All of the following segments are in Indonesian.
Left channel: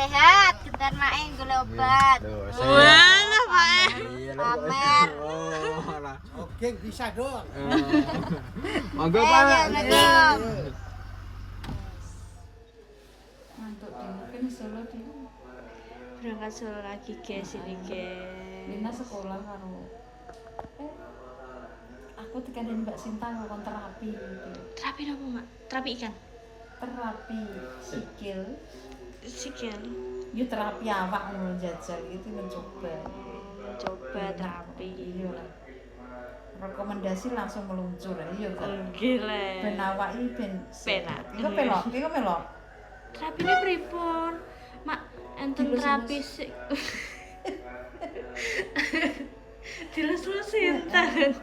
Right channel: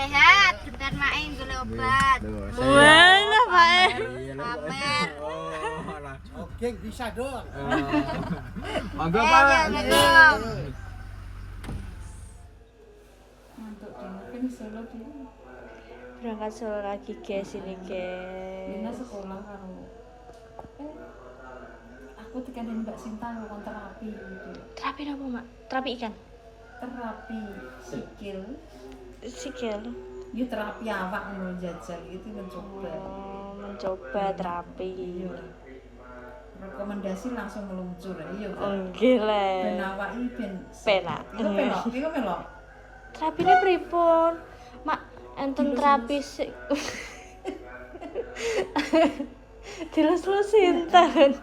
sehat, kita main gelobat. Wah, Pak. Amat. Oke, bisa dong. Monggo Pak. Ngantuk dulu kan Solo di. Berangkat Solo lagi guys ini Dina guys. sekolah karo. Aku tekanin Mbak Sinta ngelakukan terapi gitu. Terapi apa mak? Terapi ikan? Terapi sikil. Sikil. Yo terapi awak ngono jajal gitu mencoba. Oh, mencoba terapi. Iya. Rekomendasi langsung meluncur iya kan. Oh gila. Ben awake ben Penak. Iku pelok. Terapine pripun? Mak, enten terapi sik. Dilus-lus sinten.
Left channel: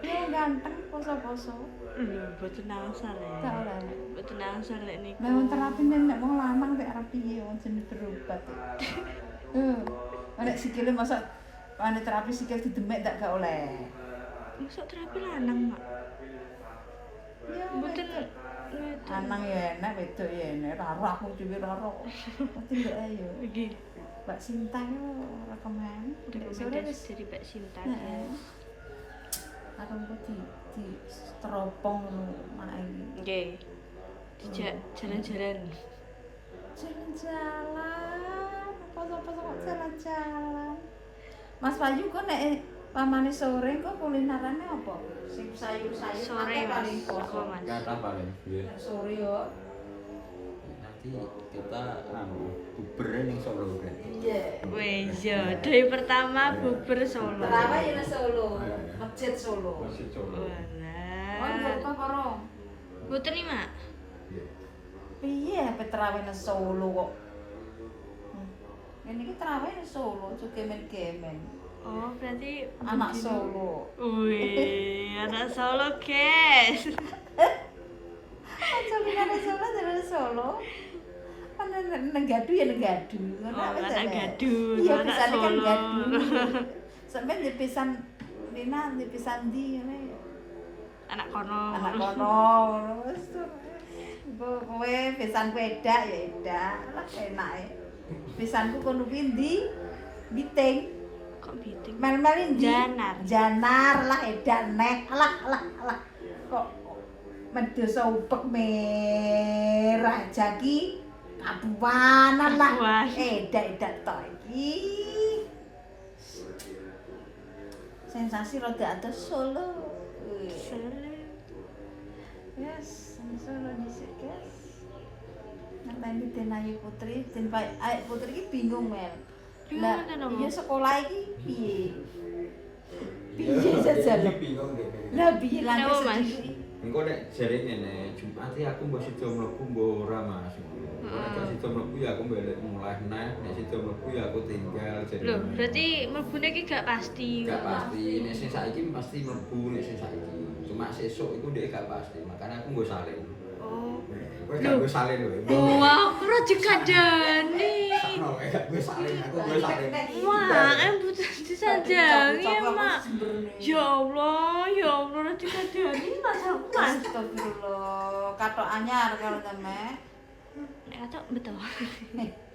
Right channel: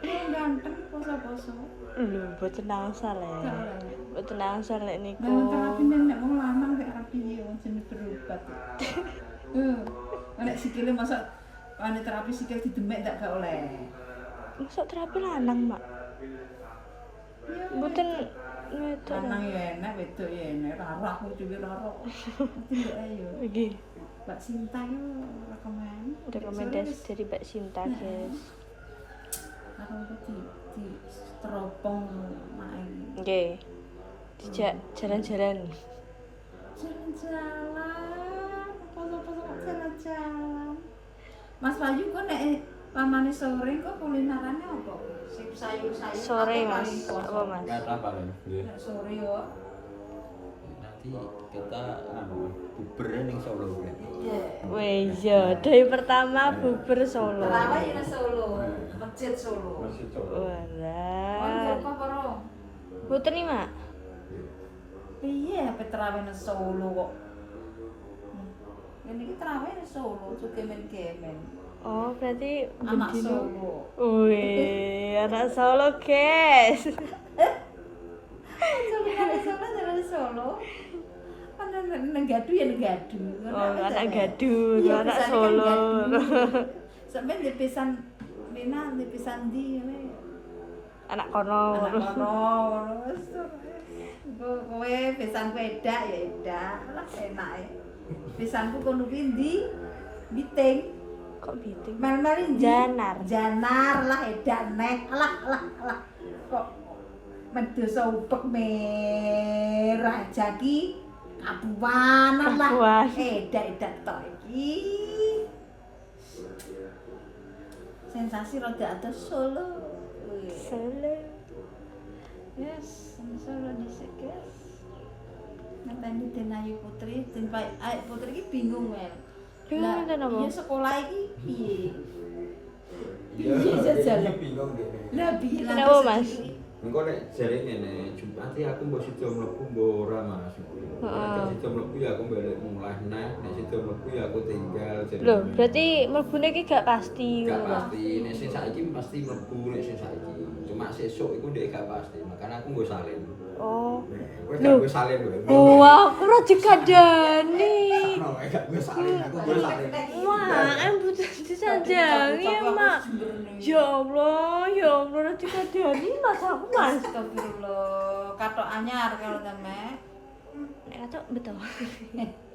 Oh ganteng poso-poso. Lho, mboten nangsal Gak ya. oleh. Mboten nangsal lek niku. Nah, terapi nek wong lanang mek arep piye wong jenenge berobat. Nek sikile masa ane terapi sikil didemek gak oleh. Masuk terapi lanang, Mak. Ya, Mboten wedok. lanang ya enak, wedok ya enak. Raro aku dhewe raro. Nanti mbak ayo. Iki Mbak Sinta yo rekomen. rekomendasi dari Mbak Sinta, guys. Aku kok di teropong mae. Nggih. Dijak jalan-jalan. Jalan-jalan. Apa-apa kok jalan-jalan. Mas Bayu kok nek pamane sore kok kulinerane apa? Sing sayur-sayur. Sore, atau Mas. paling poso? Apa, Mas? Enggak apa paling. Nek sore yo. Nanti kita buber ning Solo kan. Iya. Wes yo, dari pertama bubur Solo. Terawih nang Solo. Masjid Solo. Oh, Walah. kok porong. Mboten nih, Mak. Piye ape terawih nang Solo kok? Ini kita terawih nang Solo, kemen-kemen. Oh, berarti Anak bendino- Solo. Wih, anak Solo, guys. Anak Solo dari Solo. Kan negadu ya negadu. Oh, anak Gadu, Iya, anak pisane kan Solo. Gadu. Sampai di pisan Lina di pisan di ini. Anak kono. Anak kono terus kowe pisanku edak ya edak. Lah enak e. Pisanku kono kuwi ndi? Biting. Kok biting? Mel-mel ndi? Janar. Janar lah edak nek. Alah. Kok medoso upek merah jaki kabuanan lah. Kabuan. Edak tok iki. Sensasi rada atus Solo. Wih. Solo. Yes, Solo dhisik, guys. Ngenteni Den Ayu Putri, Den Ayu Putri iki bingung, Mel. Bingung Lah, enten apa? iya sekolah iki piye? Piye jajal? Bingung deh. Lah piye lah Kenapa, Mas? Engko nek jare ngene, Jumat iki aku mbok sida mlebu mbok ora Mas. Nek sida mlebu ya aku balik mulai neh, nek sida mlebu ya aku tinggal jare. Loh, berarti mlebune iki gak pasti. gak ngono. pasti, nek sing saiki pasti mlebu nek sing saiki. Cuma sesuk iku ndek gak pasti, makanya aku nggo salin. Oh. Kowe gak nggo salin kowe. Wah, aku ora dikandani. Sakno kowe gak nggo salin, aku nggo salin. Mak, butuh disanjangi ya, Mak. Ya Allah, ora dikandani Mas aku, Mas. Astagfirullah, katok anyar kalau temek. Nek katok betul.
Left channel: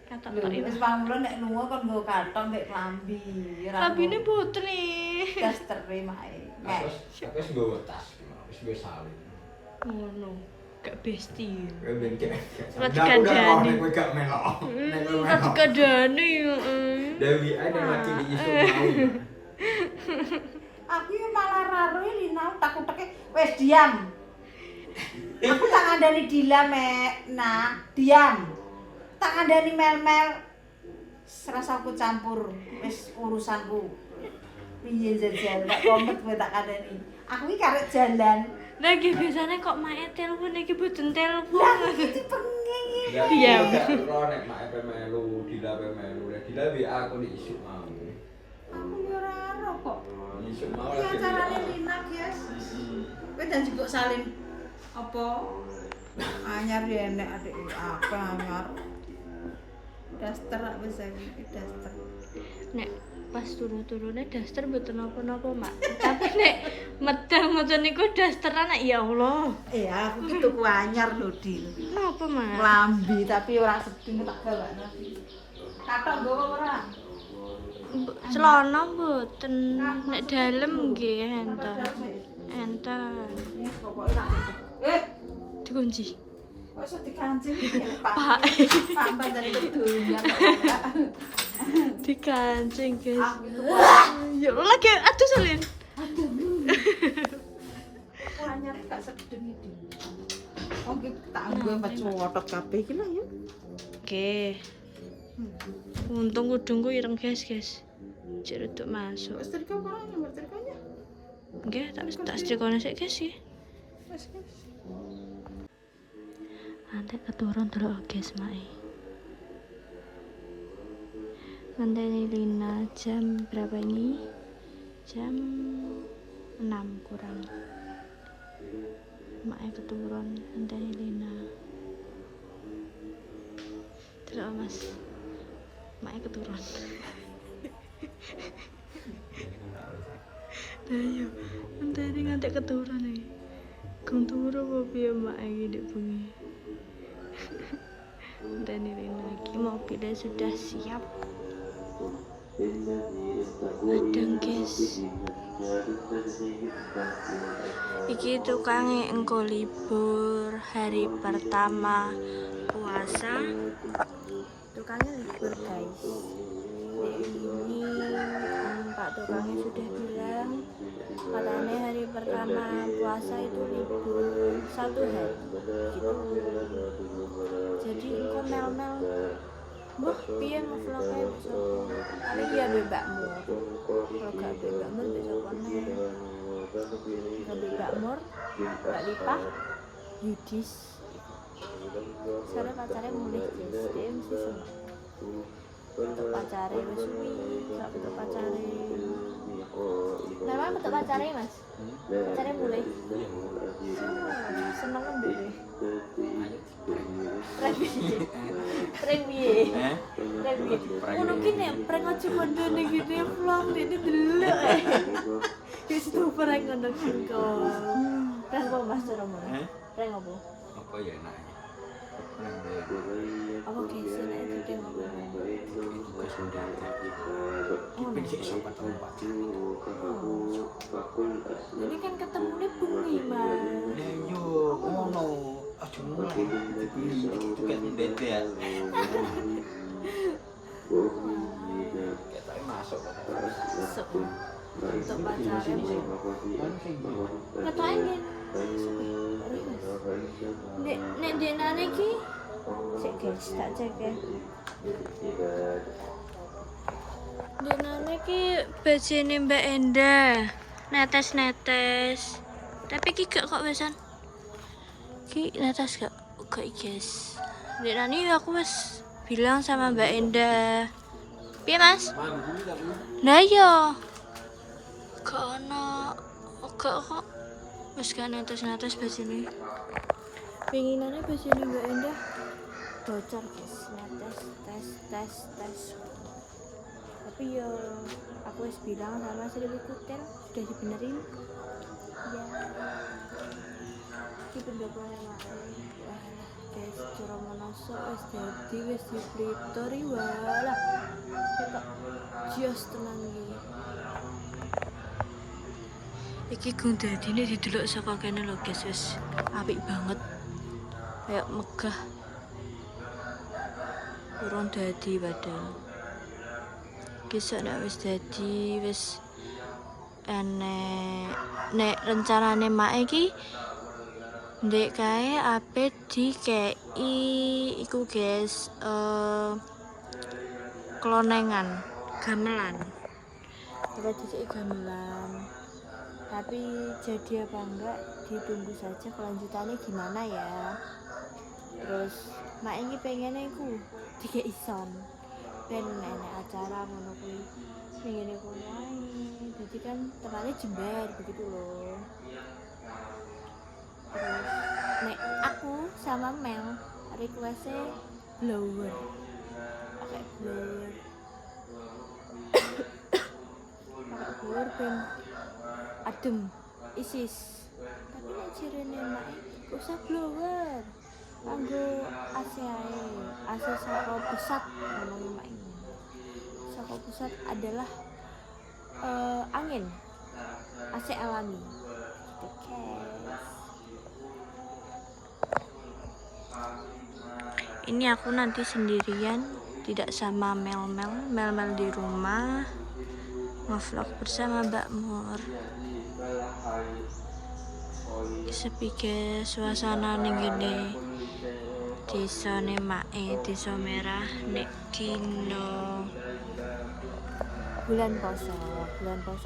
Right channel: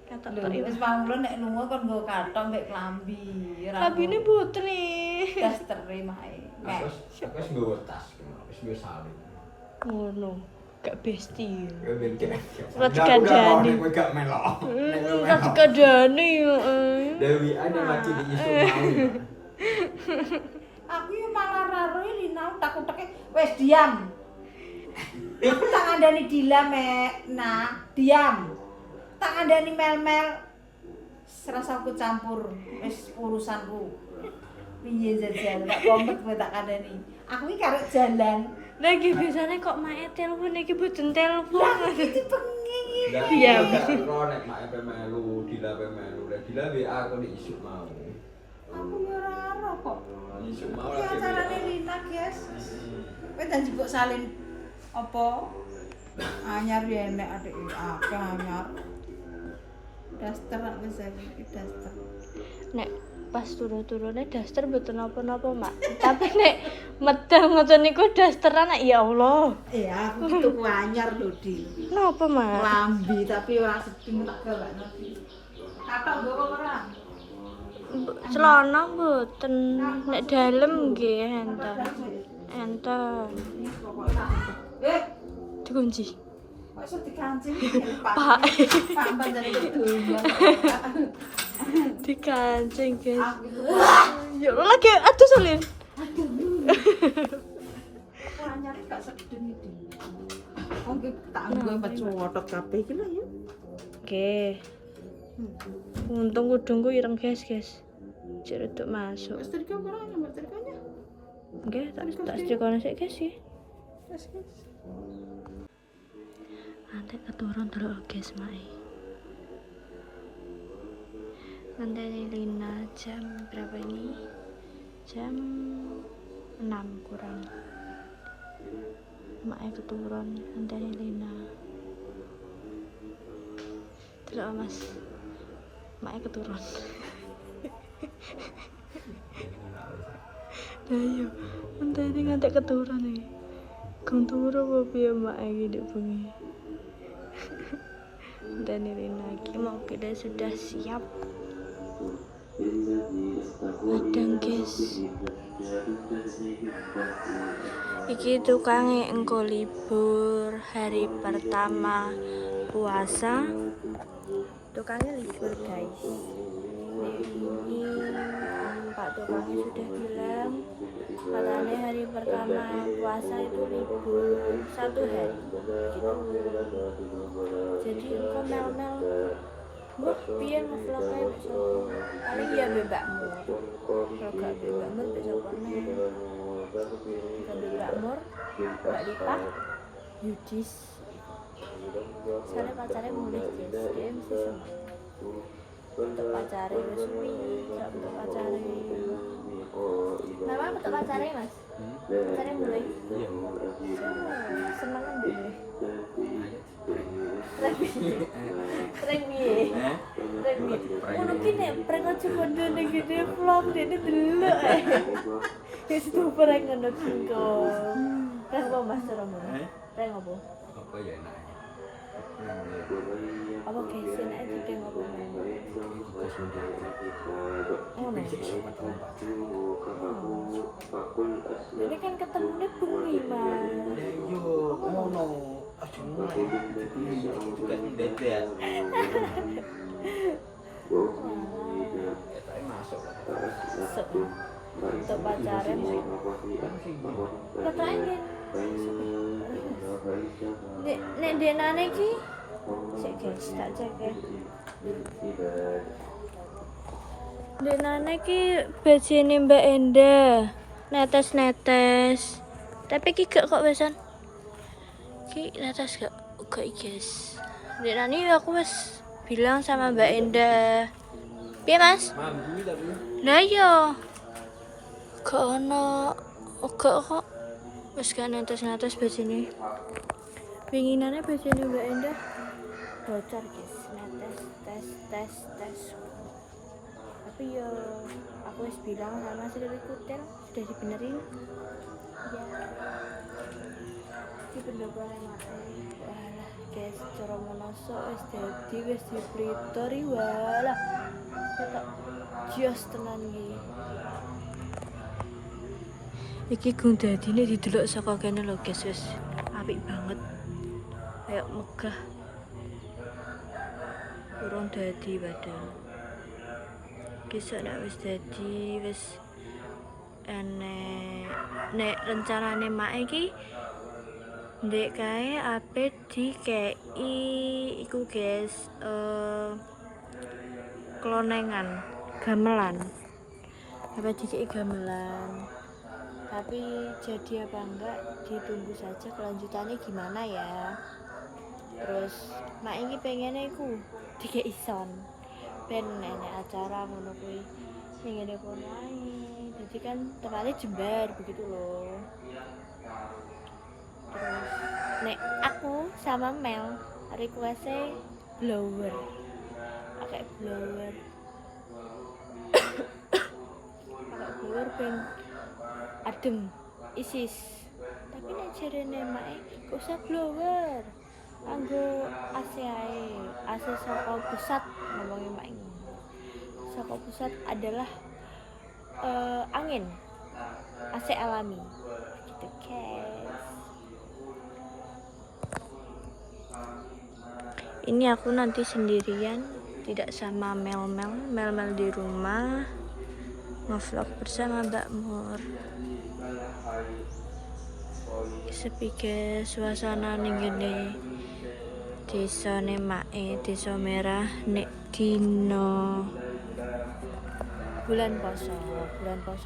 Katok Lho, tok iki. wis pamula nek lunga kon nggo katok mbek klambi. Kabine putri. dastere mae. Aku wis nggo tas, wis nggo salin. Ngono, gak besti. Kowe ben kek. Ora dikandani. Kowe gak melok. Ora dikandani yo. Dewi ada lagi di isu mau. Aku yo malah raro Lina takut-takut wis diam. Aku tak ngandani Dila mek. Nah, diam. Tak ngandani Mel-mel. Serasa aku campur wis urusanku. Piye jajal gak kompet kowe tak kandani. Aku iki karek jalan. Lah iki biasane kok mae telepon iki boten telepon. Lah iki pengen. Diam. Lo nek mak melu, Dila melu. Lek Dila WA aku di isu mau. Aku yo raro kok. Isu mau Iki lagi. acarane Lina, guys. Kowe janji kok salin apa? Anyar ya enek adik akeh anyar. Daster wis iki daster. Nek pas turu-turune daster mboten napa-napa, Mak. Tapi nek medal ngoten niku dasteran ya Allah. Iya, aku tuku anyar lho, Dil. Napa, Mak? Lambi tapi ora sedeng tak gawakno. Katok nggowo ora? Celana mboten nek dalem nggih enten. Enten. Dikunci. Kok iso dikancing Pak. Pak bandane kedungan. Dikancing, guys. Ya lagi aduh Solin. Anyar gak sedeng iki. Oke, tak nggo pecotot kabeh iki lho ya. Oke. Untung kudungku ireng guys. Cek reduk masuk. Setrika ora nomor setrikanya. Nggih, tak setrikane sik guys iki. Wes wes. Nanti keturun dulu guys mae. Nanti Lina jam berapa ini? Jam 6 kurang. Mae keturun nanti Lina. Dulu Mas. Mae keturun. Ayo, nanti ngantek keturun nih. Kung turu apa piye mae iki ndek bengi. Dan Irina lagi mobilnya sudah siap. Madang guys. Iki tukangnya engko libur hari pertama puasa. Tukangnya libur guys. Ini Pak tukangnya sudah bilang katanya hari pertama puasa itu libur 1 hari gitu. Jadi engko mel-mel mbah piye ngevlognya besok paling ya bebakmu kalau gak bebakmu besok kono gak bebakmu Mbak Lipah Yudis soalnya pacarnya mulih guys dia mesti seneng untuk pacarnya wis suwi gak untuk pacarnya memang untuk pacarnya mas pacarnya mulai iya seneng ndek deh prank piye? Ngono ki nek prank aja kondene gede vlog dene delok ae. Wis tuh prank ngono singko. Prank apa Mas caramu? Prank apa? Apa ya enak. Apa guys enak iki apa men? Oh, nek Iso ketemu Pak Cimo. ini kan ketemunya bengi mas. Ya yo ngono. Aja mulai dibeli juga mendadak. Tapi masuk kok. Masuk. Untuk pacarnya mau. Anu sing bro. Katanya nek denane iki cek guys tak cek ya. Denane iki bajene Mbak Enda. Netes-netes. Tapi iki gak kok besan. Iki netes gak guys. Denane aku wis bilang sama Mbak Enda. Piye Mas? Mampu tapi. Lah iya. Gak ono gak kok. Wis gak netes-netes bajene. Pinginane bajene Mbak Enda bocor guys. Netes tes. Tapi ya aku wis bilang sama Sri Kutel sudah dibenerin. Ya. Iki pendapatan mae. Walah guys, cara monosok wis dadi wis diplitori walah. Ketok jios tenan iki. Iki gung dadine didelok saka kene lho guys, wis apik banget. Kayak megah. Urung dadi padahal. Kisah nek wis dadi wis nek rencanane mak iki ndek kae ape dikei iku guys klonengan gamelan ape dikei gamelan tapi jadi apa enggak ditunggu saja kelanjutannya gimana ya. Terus mak ini pengennya iku dikei son ben enek acara ngono kuwi ning ngene kono ae. Dadi kan tempatnya jembar begitu loh. Terus nek aku sama Mel request-e blower. Pakai blower. Pakai blower ben adem isis. Tapi nek jarene mak gak usah blower. Anggo AC ae, AC saka pusat ngomongin mak ngono. saka pusat adalah angin AC alami gitu guys. Ini aku nanti sendirian, tidak sama Mel di rumah, ngevlog bersama Mbak Mur. Sepi guys, suasana ning ngene desa Mae, desa merah nek dino bulan poso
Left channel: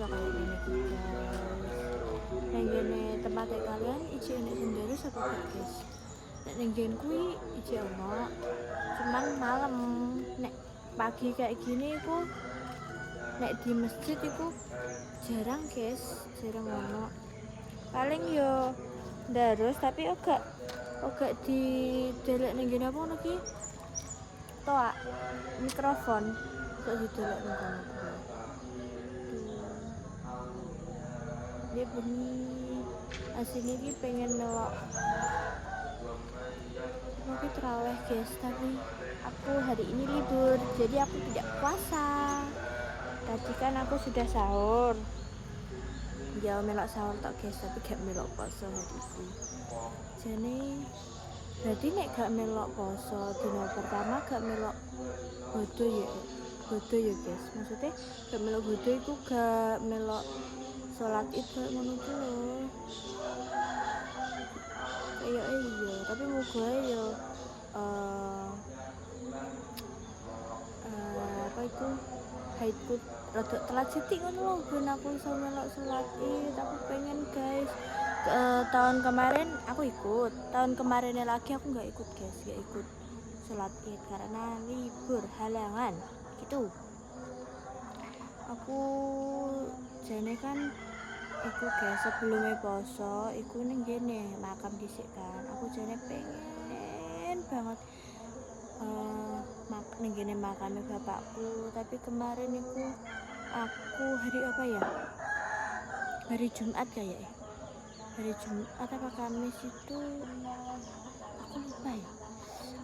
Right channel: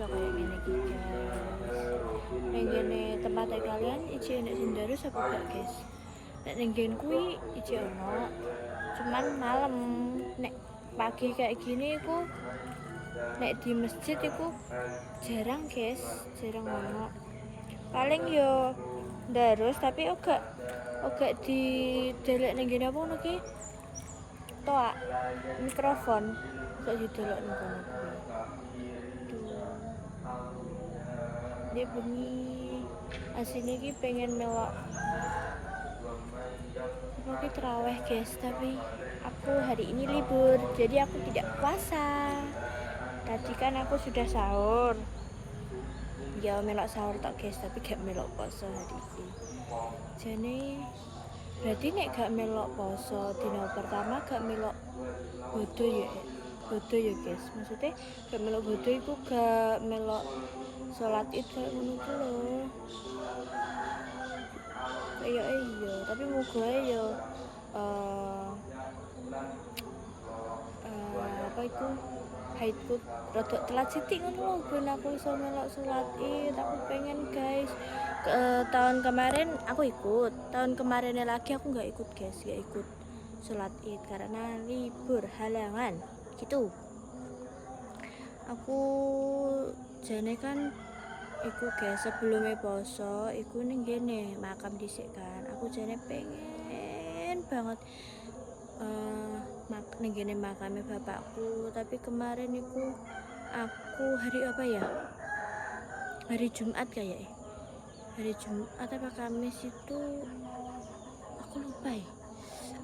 kayak gini guys. Ning ngene tempat kalian iki nek sindaro apa gak guys? Nek ning ngene kuwi iki ono, cuman malam. Nek pagi kayak gini iku nek di masjid iku jarang guys, jarang ono. Paling yo ndarus tapi ogak di delek ning ngene apa ngono ki? Toa mikrofon kok didelok ning kono kuwi. Dia bunyi aslinya ki pengen melok apa terawih guys, tapi aku hari ini libur jadi aku tidak puasa. Tadi kan aku sudah sahur ya, melok sahur tok guys, tapi gak melok poso hari ini. Jadi berarti nek gak melok poso dina pertama gak melok bodo ya guys, maksudnya gak melok bodo itu gak melok sholat id kayak ngono ku lho. Iya, tapi moga ya apa itu haidku rada telat sithik ngono lho ben aku iso melok sholat id. Aku pengen guys. Tahun kemarin aku ikut, tahun kemarinnya lagi aku nggak ikut guys, nggak ikut sholat id karena libur halangan gitu. Aku jane kan iku guys sebelumnya poso iku ning gene makam dhisik kan. Aku jane pengen banget ning gene makame bapakku, tapi kemarin iku aku hari apa ya? Hari Jumat kayak hari Jumat apa Kamis itu aku lupa ya.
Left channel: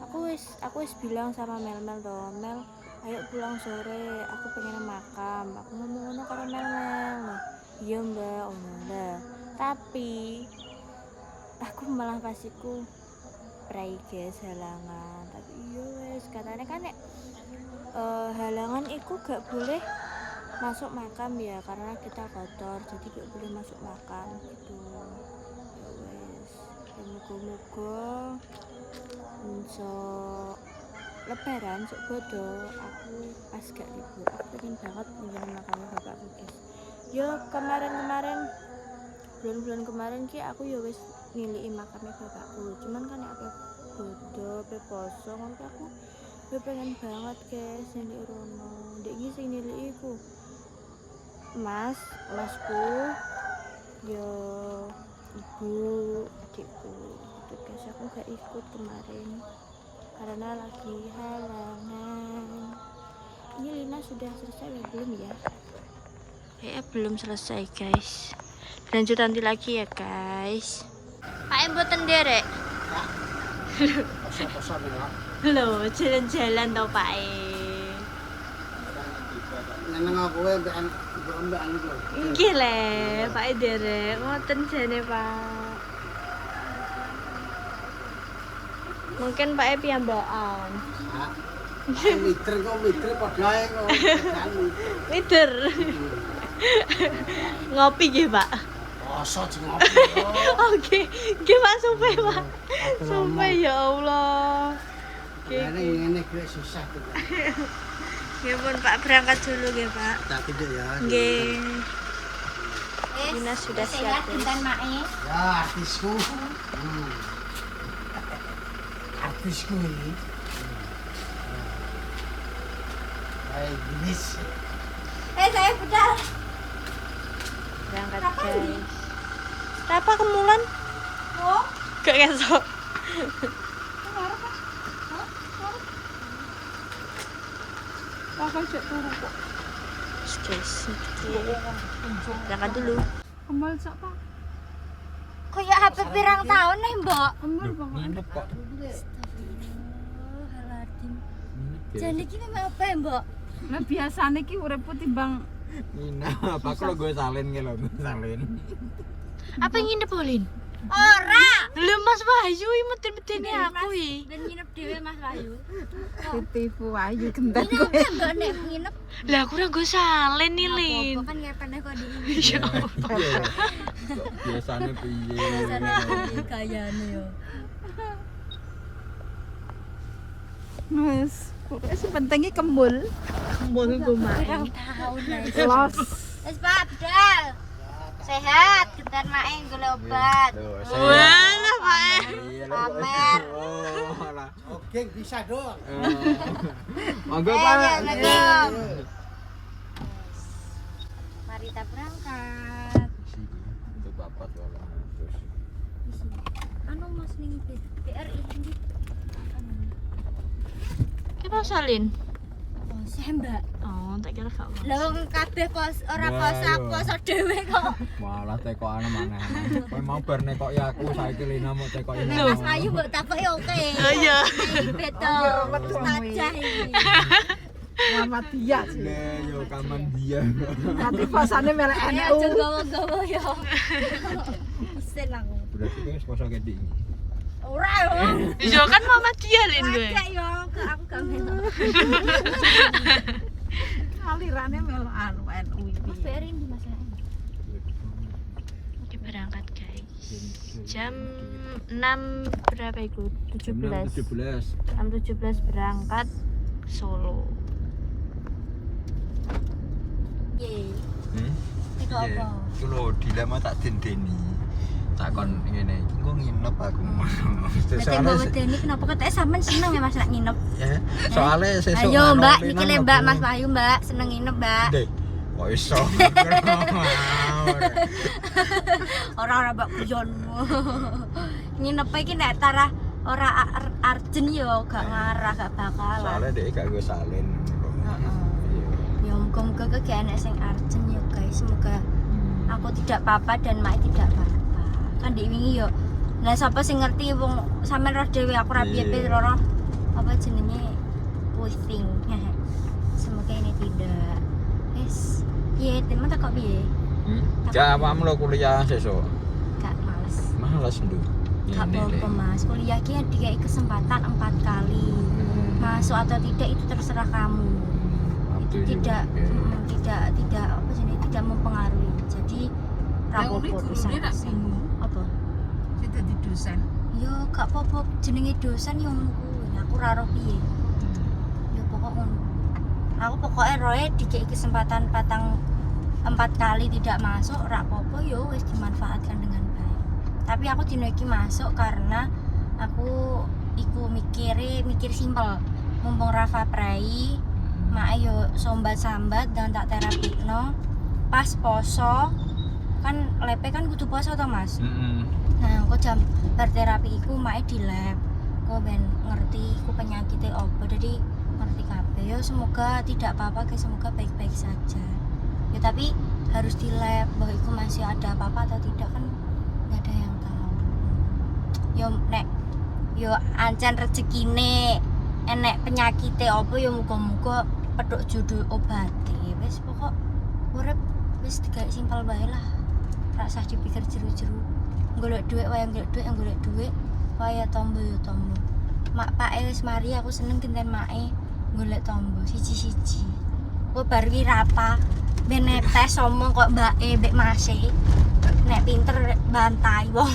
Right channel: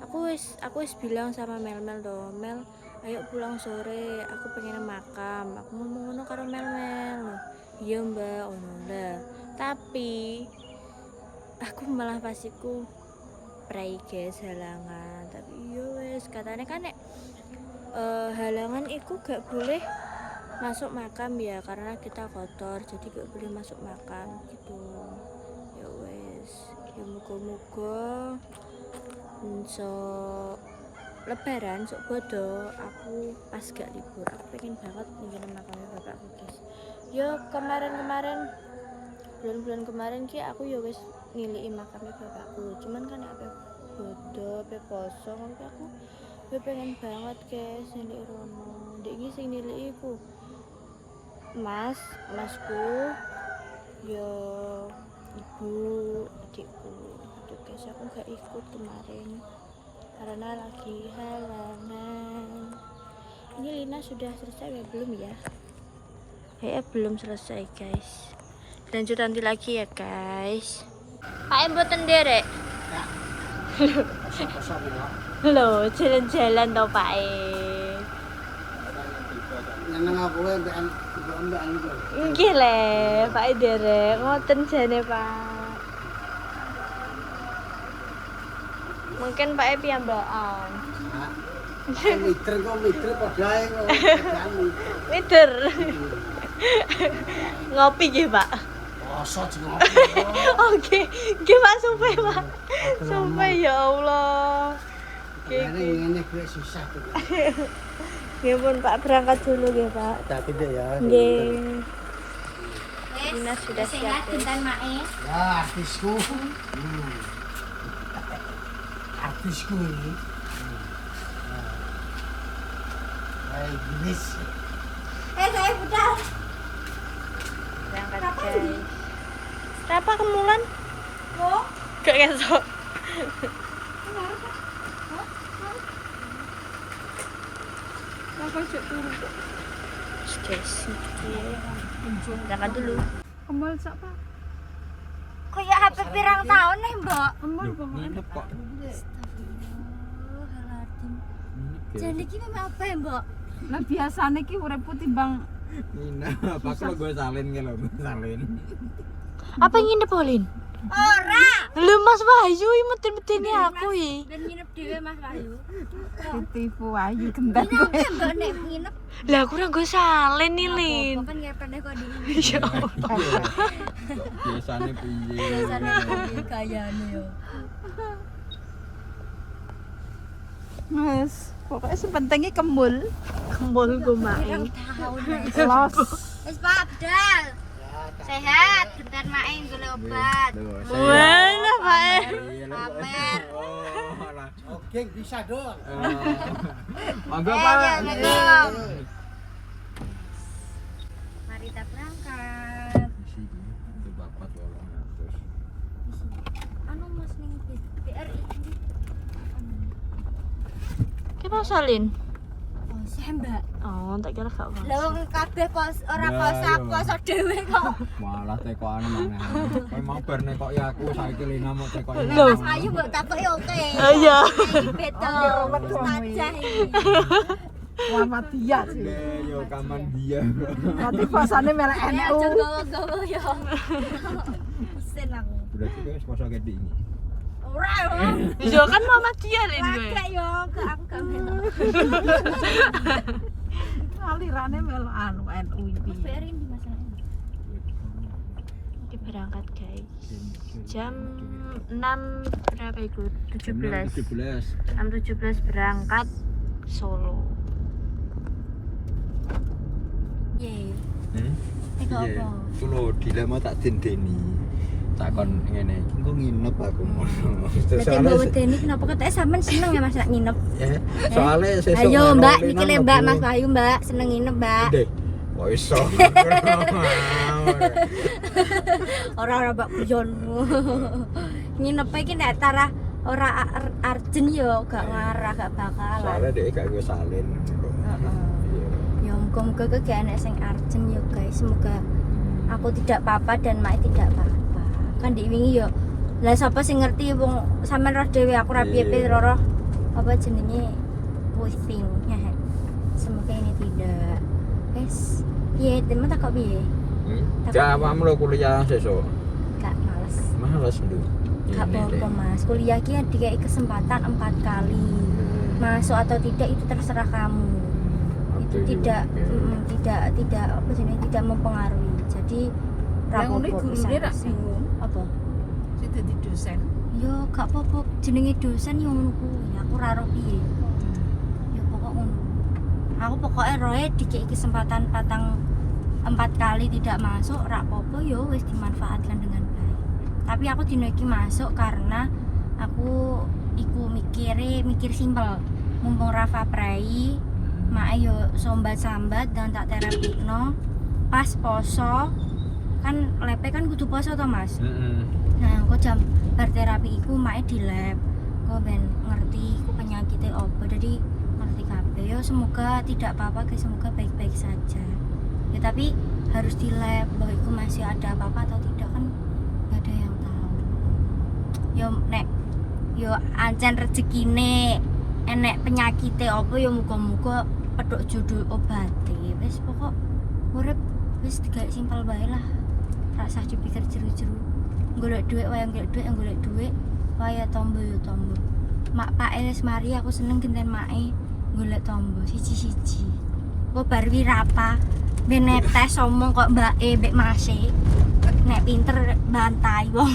Aku wis bilang sama Mel toh, Mel ayo pulang sore, aku pengen makam. Aku ngomong ngono karo Mel. Iya mbak, ono lah. Tapi aku malah pasiku pray guys halangan. Tapi iya wes katanya kan nek halangan itu gak boleh masuk makam ya, karena kita kotor jadi gak boleh masuk makam gitu. Ya wes, ya moga-moga so lebaran sok bodo aku pas gak libur. Aku pengen banget ninggalin makamnya bapakku guys. Ya kemarin bulan-bulan kemarin ki aku ya wis ngiliki makamnya bapakku, cuman kan apa bodo apa poso kan aku pengen banget guys niliki rono. Ndek iki sing niliki iku masku ya ibu adikku gitu guys. Aku gak ikut kemarin karena lagi halangan. Ini Lina sudah selesai ya belum ya? Belum selesai guys. Lanjut nanti lagi ya guys. Pak mboten nderek. Kosong-kosong ya. Loh, jalan-jalan toh Pak Nyeneng aku mbek itu. Nggih le, Pak nderek. Ngoten jane Pak. Mungkin Pak piyambakan. Mider padha ae kok. Mider. Ngopi nggih Pak. Poso di ngopi. Oke, nggih Pak sumpah Pak. Sumpah ya Allah. Ngene grek susah tuh. Ya pun Pak berangkat dulu ya Pak. Tak gede ya. Nggih. Dina sudah siap guys. Ya artisku. Artisku ini. Baik, jenis. Saya budal. Berangkat guys. Apa kemulan? Oh, Gak kesok. Guys, berangkat dulu. Kembal sak Pak. kayak HP pirang tahun nih, Mbak. Umur banget. Nginep kok. Astagfirullahaladzim. Jadi gini apa ya, Mbak? Lah biasane ki uripku timbang Nina, apa kalau gue salin gitu loh, gue salin. Apa yang nginep Olin? Ora. Lu Mas Wahyu metin-metini aku ya. Dan nginep dhewe Mas Bayu. ditipu ayu genten Ini kowe. enggak nek nginep. Lah aku ora nggo salin nih, Lin. Apa kan ngepene kok dulu. Ya Allah. Biasanya piye? Cara kayane yo. Wes, pokoknya sepentingnya kembul. Kembol gue mak. Pirang tahun guys. Los. Wis Pak Abdal. Sehat, gentar main golek obat. Wah, ngapain? Aman. Oh, alah. Oke, bisa dong. Monggo Ayo, Pak. monggo. Mari kita berangkat. Itu bapak loh. Anu Mas ning BRI ini. Kenapa salin? Oh, sembak. Oh, tak kira gak apa. Lah wong kabeh pos ora Lah, poso iya. poso dhewe kok. Malah tekokan mana? Kowe mau bar nekoki aku saiki Lina mau tekoki. Mas Ayu mbok takoki oke. Oh iya. Beto. Ustazah iki. Selamat dia sih. Yo kaman dia. Nanti pasane melek Ayo NU. aja gawa-gawa yo. Isen aku. Berarti kowe wis poso gede iki. Ora. Yo kan mama dia Lin gue. Lagak yo, ke aku gak melok. Alirane melok anu NU iki. Mas BRI di Mas. Oke, berangkat guys. Jam 6 berapa itu? 17. 17. Jam 17 berangkat Solo. Ye. Iya. Iku apa? Iku lho dilema tak dendeni. Takon ngene, iki kok nginep aku ngono. Berarti Mbak Wedeni kenapa katanya sampean seneng ya Mas nak nginep? Ya, soalnya sesuk Ayo ngono, Mbak, Lina mikirnya Mbak mlebu. Mas Bayu Mbak, seneng nginep Mbak. Dek, kok iso? Ora Mbak Pujon. Nginep iki nek tara ora arjen yo gak ngarah gak bakalan. Soalnya dia gak gue salin. Ya muga-muga gak enek sing arjen yo guys. Semoga aku tidak apa-apa dan Mak tidak apa-apa. Kan di wingi yo. Lah sapa sing ngerti wong sampean roh dhewe aku ra piye-piye Iya. roh apa jenenge pusing. Semoga ini tidak. Wes, piye temen tak kok piye? Jawabmu lo kuliah sesuk. Gak males. Males lu. Gak apa-apa Mas, kuliah ki dikai kesempatan 4 kali. Masuk atau tidak itu terserah kamu. Itu tidak tidak apa sih tidak mempengaruhi. Jadi rapopo bisa apa? Sing dadi dosen. Yo gak apa-apa jenenge dosen yo ngono kuwi. Aku ora ro piye. Yo pokok ngono. Aku pokoknya roe dikai kesempatan 4 kali tidak masuk rapopo yo wis dimanfaatkan dengan baik. Tapi aku dino iki masuk karena aku mikir simpel. Mumpung Rafa Prai, mak yo sambat-sambat dan tak terapikno pas poso kan lepe kan kudu poso to Mas. Nah, engko jam berterapi iku mak di lab. Kok ben ngerti ku penyakitnya apa. Jadi ngerti kabeh. Yo semoga tidak apa-apa guys, semoga baik-baik saja. Ya tapi harus di lab bahwa iku masih ada apa-apa atau tidak kan gak ada yang tahu. Yo ancen rezekine enek penyakitnya apa ya muga-muga pedok judul obate. Wis pokok urip wis digak simpel bae lah. Rasa dipikir jeru-jeru. Golek dhuwit wae golek dhuwit. Wae tombo ya tombo. Mak Pak wis mari aku seneng genten make golek tombo siji-siji. Kok bar wi rapa ben netes omong kok mbake mbek Mase. Nek pinter bantai wong.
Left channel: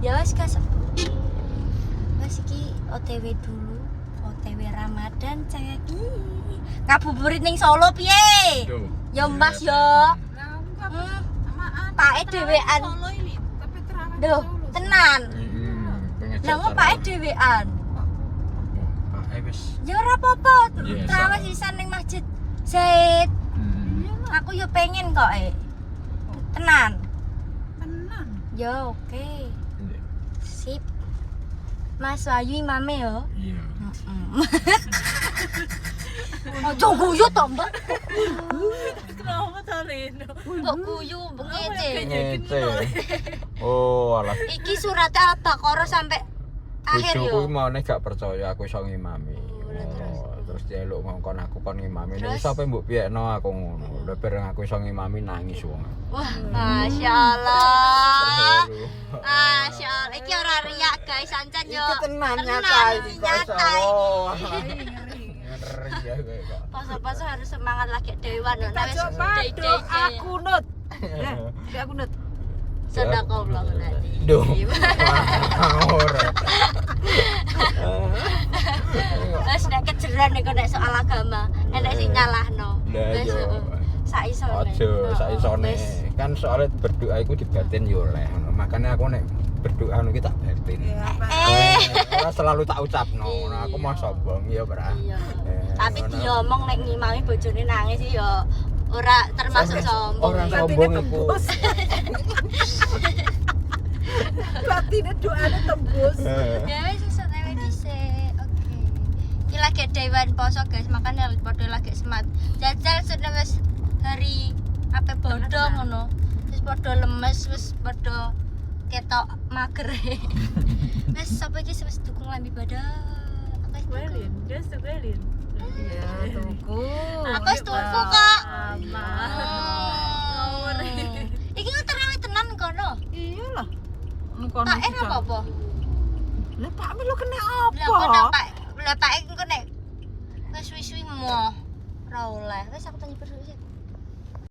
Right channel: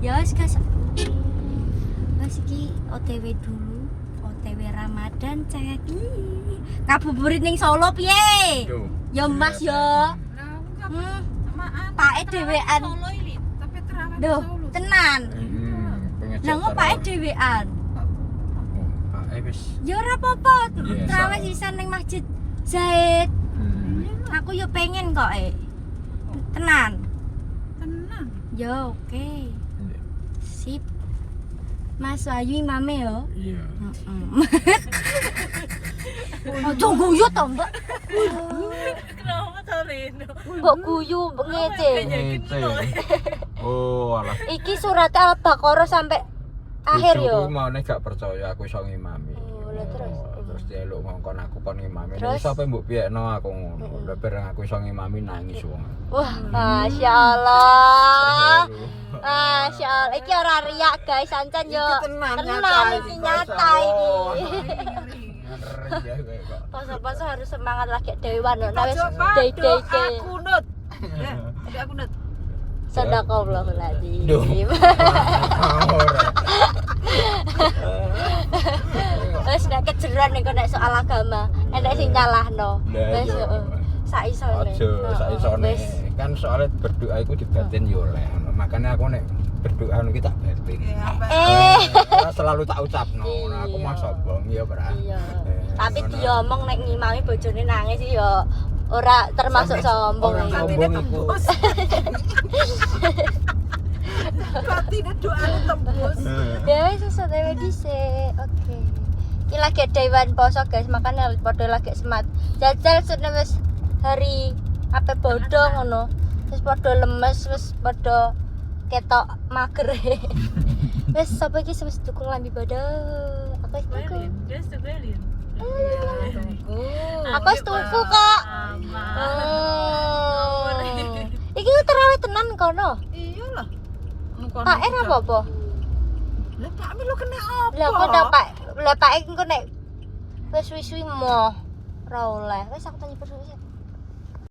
Ya wis guys. Wis iki OTW dulu. OTW Ramadan cek. Ngabuburit ning Solo piye? Ya Mas yo. Pake dhewean. Duh, tenan. Lah kok pake dhewean? Ya ora apa-apa. Terawih sisan ning Masjid Zaid. Aku yo pengen kok tenan. Ya oke. Sip. Mas Ayu imame yo. Iya. Ojo guyu to, Mbak. Kenapa tadi? Mbok guyu ngece. Oh, alah. Iki surat Al-Baqarah sampai akhir Bojoku yo. mau nek gak percaya aku iso ngimami. Oh, lah terus. terus njaluk ngongkon aku kon ngimami. Nek Terus? iso apa mbok piyekno aku ngono. Lah bareng aku iso ngimami nangis wong. Wah, Masya Allah. Masya Allah. Iki ora riak guys, sancen yo. Iki tenan iki nyata iki. Ya kok. Poso-poso harus semangat lagi dewan no. Nah wis Coba day aku nut. Ya, ada aku nut. Sadaqallahuladzim. Duh. Ora. Wis nek kejeran nek nek soal agama, nek sing nyalahno. Lah Wis iya. sak isone. Aja saisone. Kan soalnya berdoa iku dibatin yo oleh. Makanya aku nek berdoa niku tak batin. Ora selalu tak ucapno. Nah, aku mah sombong ya, Bra. Iya. Tapi diomong nek ngimami bojone nangis yo ora termasuk sombong. Orang sombong iku. Batine doane tembus. Ya wis sesuai dhisik. Oke. Iki lagi dewan poso guys, makanya padha lagi semat. Jajal sudah wis hari apa bodoh ngono. Wis padha lemes, wis padha ketok mager. Wis sapa iki wis tuku lambi padha. Aku wis tuku. Aku wis tuku kok. Iki terawih tenan kono. Iyalah. Pak apa? Lah Pak Milo kena apa? Lah kok Pak, lah Pak engko nek wis suwi-suwi moh ora oleh. Wis aku tanya perlu.